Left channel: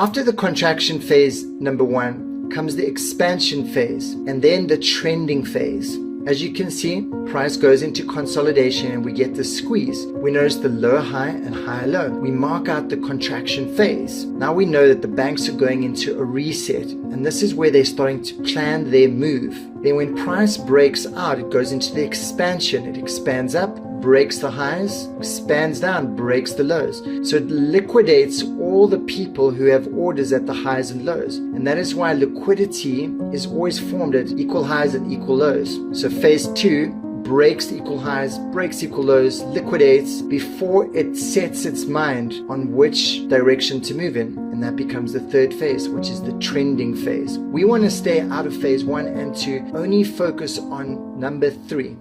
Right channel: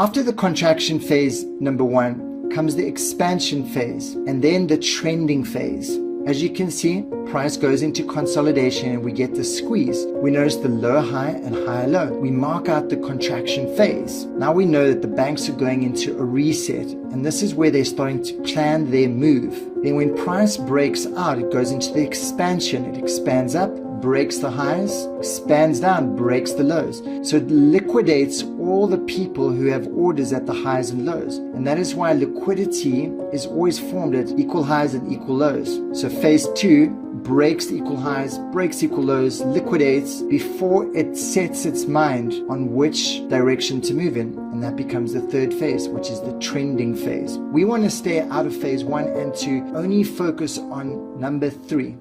After the contraction phase number 1 comes the expansion phase and then the trending phase. As you can see, price goes into consolidation and we get the squeeze. We notice the low high and high low. We mark out the contraction phase. Now we know that the banks are going into a reset, and this is where they're starting to plan their move. Then when price breaks out, it goes into the expansion. It expands up, breaks the highs, expands down, breaks the lows. So it liquidates all the people who have orders at the highs and lows. And that is why liquidity is always formed at equal highs and equal lows. So phase 2 breaks equal highs, breaks equal lows, liquidates before it sets its mind on which direction to move in. And that becomes the third phase, which is the trending phase. We want to stay out of phase 1 and to only focus on number 3.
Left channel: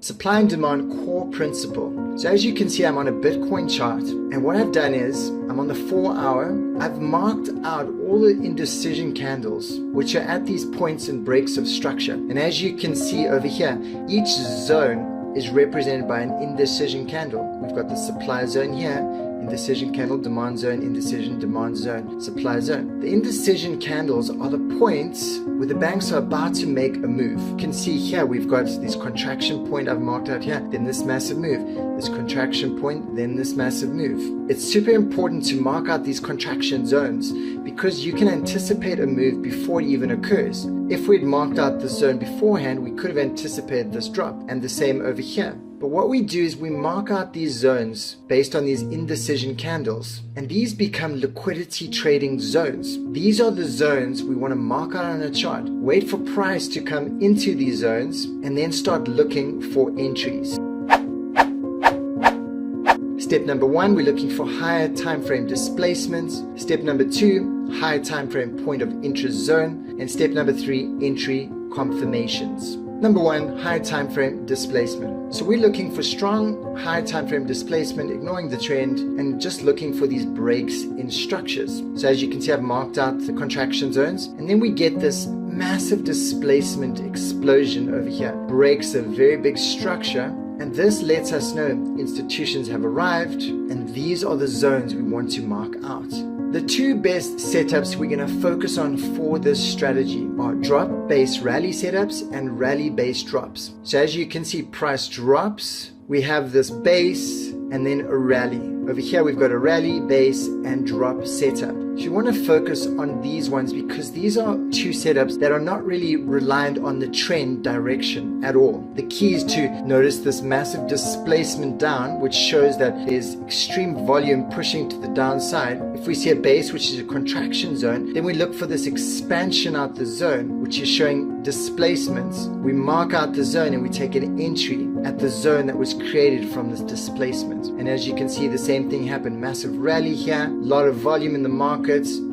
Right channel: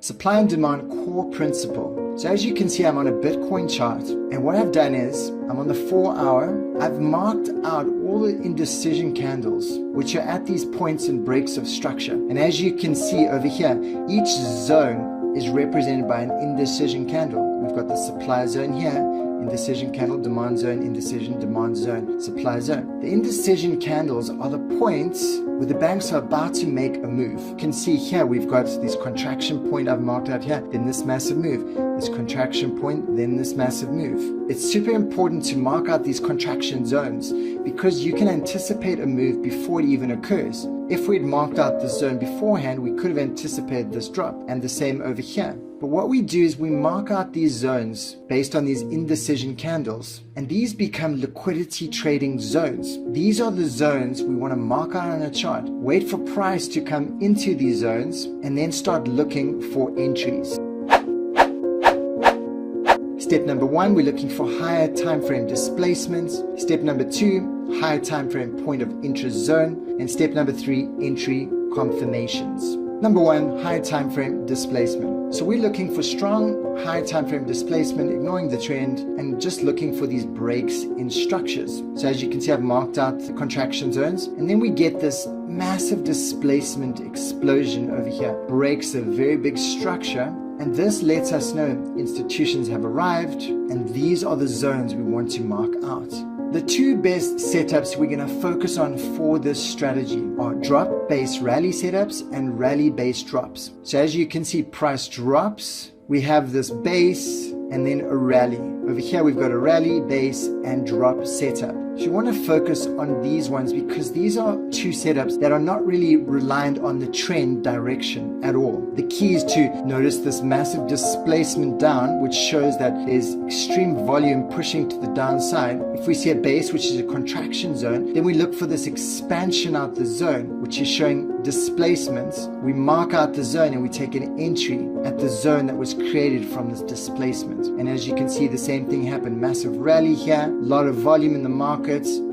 Supply and demand core principle. So as you can see, I'm on a Bitcoin chart, and what I've done is I'm on the 4-hour. I've marked out all the indecision candles which are at these points and breaks of structure. And as you can see over here, each zone is represented by an indecision candle. We've got the supply zone here, indecision candle, demand zone, indecision, demand zone, supply zone. The indecision candles are the points where the banks are about to make a move. You can see here we've got this contraction point I've marked out here, then this massive move, this contraction point, then this massive move. It's super important to mark out these contraction zones because you can anticipate a move before it even occurs. If we'd marked out the zone beforehand, we could have anticipated this drop, and the same over here. But what we do is we mark out these zones based on these indecision candles, and these become liquidity trading zones. These are the zones we want to mark out on a chart. Wait for price to come into these zones and then start looking for entries. Step number 1, we're looking for higher time frame displacements. Step number 2, higher time frame point of interest zone. And step number 3, entry confirmations. Number 1, high time frame displacement. So we're looking for strong high time frame displacement, ignoring the trend and just looking for these breaks in structures. So as you can see, I've marked out the contraction zones, and then we get this massive displacement explosion over here. Breaks a very big structure, and this lets us know institutions have arrived, and these are the zones we want to mark out. The 2 best setups we're going to focus on for this strategy are drop-based rally setups and rally-based drops. So as you can see, price drops, we have this base and then a rally. Over here we've got a rally, base, and drop setup. So you want to focus on these ones because these are 2 setups that are not really reliant on the trend direction at all. The key is to notice this massive displacement down, which shows that there's extreme volume pushing to the downside. If we see a base, which is a contraction zone, then we look for this expansion out the zone, which is showing displacements. We mark out the zone and we take an entry at the zone that was created from this displacement. And as you can see, the same thing happened. Massive rally here, a lot of volume in the markets,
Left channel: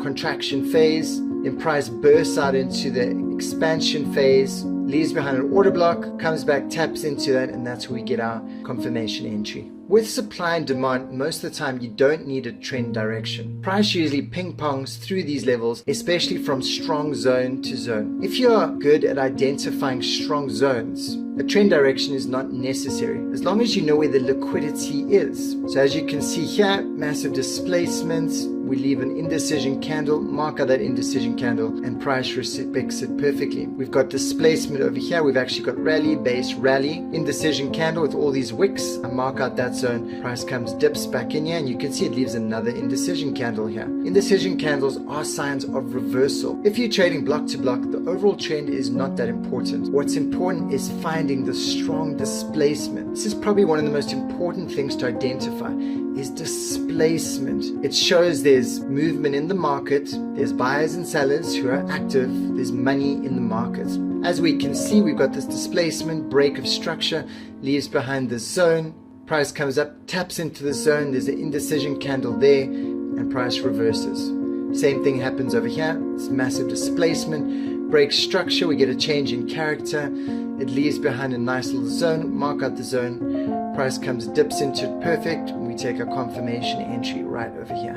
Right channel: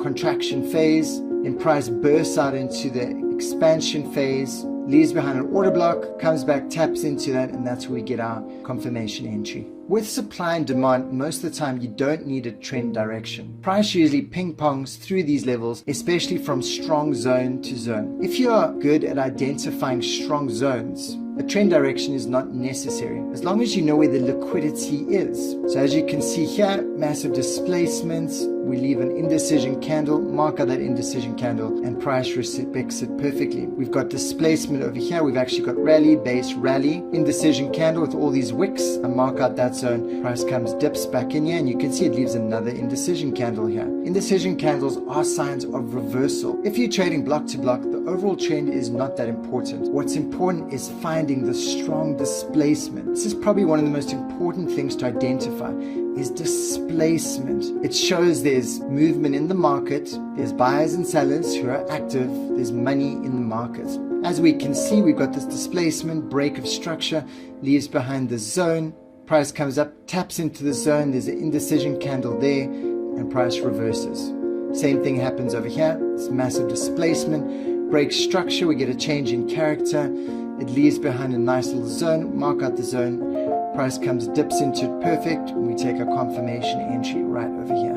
contraction phase, then price bursts out into the expansion phase, leaves behind an order block, comes back, taps into that, and that's where we get our confirmation entry. With supply and demand, most of the time you don't need a trend direction. Price usually ping-pongs through these levels, especially from strong zone to zone. If you are good at identifying strong zones, a trend direction is not necessary, as long as you know where the liquidity is. So as you can see here, massive displacements, we leave an indecision candle, mark out that indecision candle, and price respects it perfectly. We've got displacement over here, we've actually got rally, base, rally, indecision candle with all these wicks, and mark out that zone. Price comes, dips back in here, and you can see it leaves another indecision candle here. Indecision candles are signs of reversal. If you're trading block to block, the overall trend is not that important. What's important is finding the strong displacement. This is probably one of the most important things to identify, is displacement. It shows there's movement in the market, there's buyers and sellers who are active, there's money in the market. As we can see, we've got this displacement, break of structure, leaves behind the zone, price comes up, taps into the zone, there's an indecision candle there, and price reverses. Same thing happens over here, it's massive displacement, breaks structure, we get a change in character, it leaves behind a nice little zone, mark out the zone, price comes, dips into it perfect, and we take a confirmation entry right over here.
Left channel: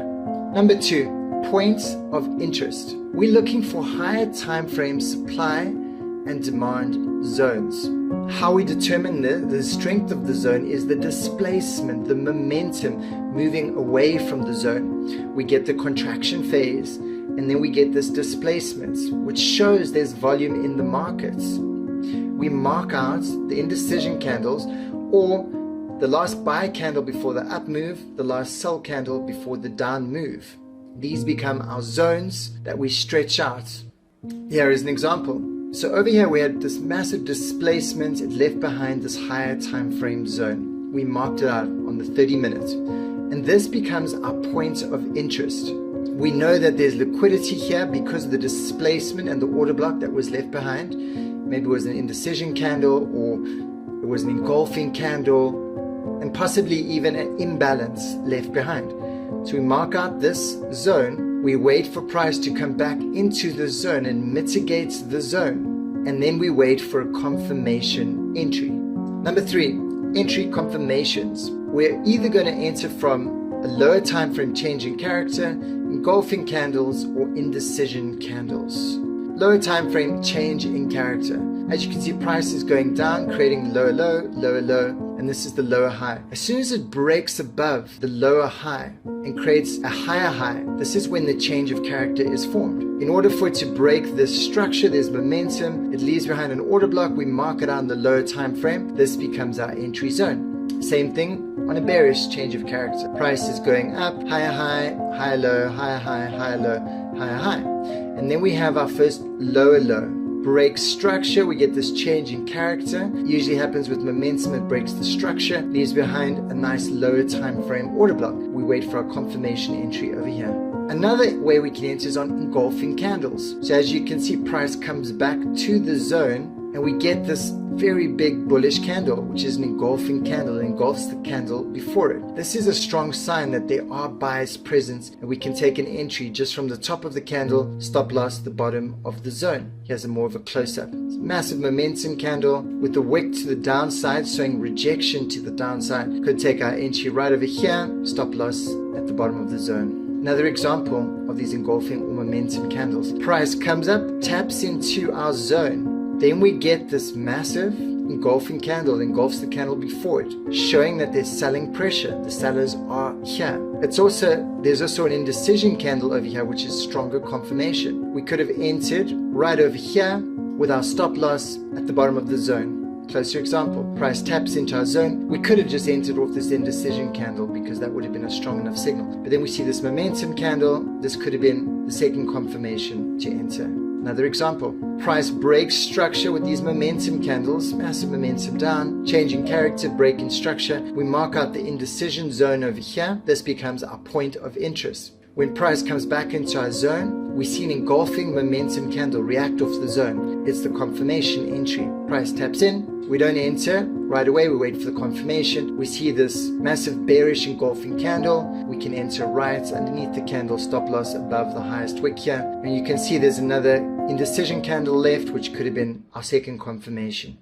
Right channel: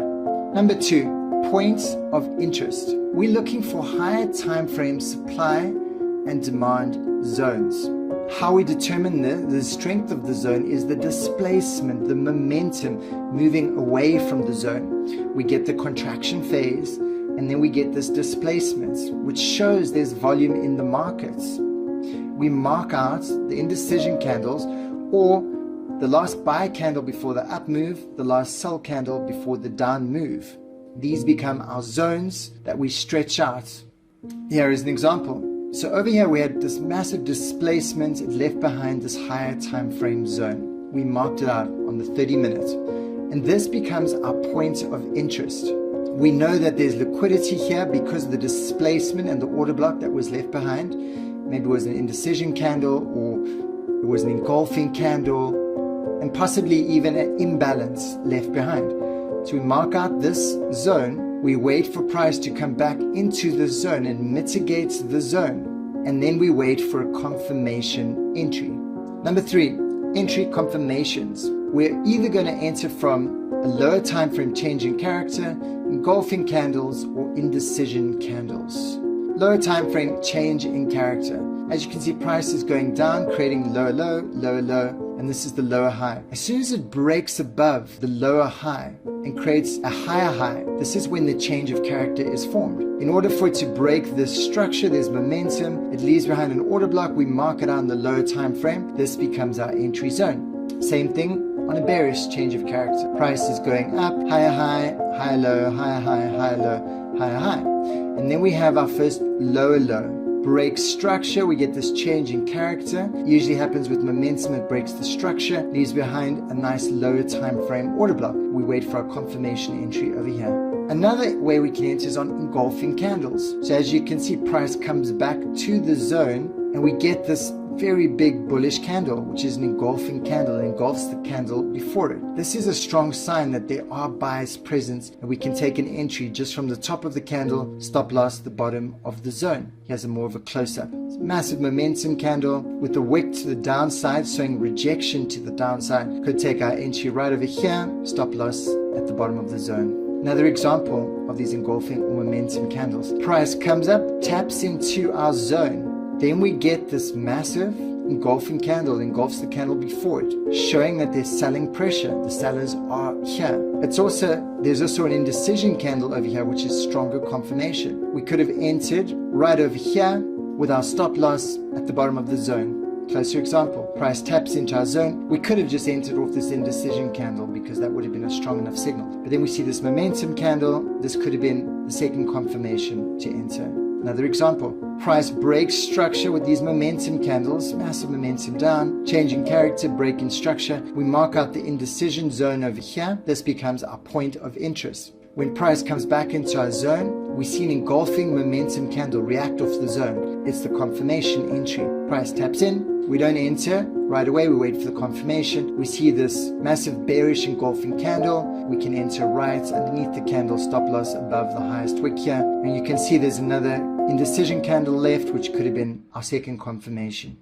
Number 2, points of interest. We're looking for higher time frame supply and demand zones. How we determine the strength of the zone is the displacement, the momentum moving away from the zone. We get the contraction phase, and then we get this displacement, which shows there's volume in the markets. We mark out the indecision candles, or the last buy candle before the up move, the last sell candle before the down move. These become our zones that we stretch out. Here is an example. So over here we had this massive displacement. It left behind this higher time frame zone. We marked it out on the 30 minutes. And this becomes our point of interest. We know that there's liquidity here because of the displacement and the order block that was left behind. Maybe it was an indecision candle, or it was an engulfing candle, and possibly even an imbalance left behind. So we mark out this zone, we wait for price to come back into the zone and mitigate the zone, and then we wait for a confirmation entry. Number 3, entry confirmations. We're either going to enter from a lower time frame change in character, engulfing candles, or indecision candles. Lower time frame change in character. As you can see, price is going down, creating lower low, lower low, and this is the lower high. As soon as it breaks above the lower high and creates a higher high, this is when the change of character is formed. In order for it to break this structure, there's momentum. It leaves behind an order block. We mark it on the lower time frame. This becomes our entry zone. Same thing on a bearish change of character. Price is going up, higher high, higher low, higher high, higher low, higher high. And then we have our first lower low. Break structure, we get this change in character. Usually happens with momentum. It breaks the structure, leaves behind a nice lower time frame order block. We wait for our confirmation entry over here. Another way we can enter is on engulfing candles. So as you can see, price comes back to the zone and we get this very big bullish candle, which is an engulfing candle. It engulfs the candle before it. This is a strong sign that there are buyers present, and we can take an entry just from the top of the candle, stop loss at the bottom of the zone. Here's a more of a close-up. It's a massive momentum candle with the wick to the downside, showing rejection to the downside. Could take our entry right over here, stop loss at the bottom of the zone. Another example of these engulfing or momentum candles. Price comes up, taps into our zone. Then we get this massive engulfing candle, engulfs the candle before it, showing that there's selling pressure. The sellers are here. There's also an indecision candle over here, which is stronger confirmation. We could have entered right over here with our stop loss at the bottom of the zone. Closer example, price taps into our zone. We could have just entered off this indecision candle because that would have been a strong enough signal. But then we see this momentum candle. This could have been the second confirmation to enter. Another example, price breaks structure with these momentum candles, massive momentum down, changing character, breaking structure. We mark out the indecision zone over here. This becomes our point of interest. When price comes back into our zone, we see an engulfing momentum candle react off the zone. It's the confirmation entry. Price taps in. We don't enter right away. We wait for the confirmation. We see this massive bearish engulfing candle. We can enter right underneath the candle, stop loss above the highest wick here. And you can see there's another indecision candle left, which could have been our second confirmation.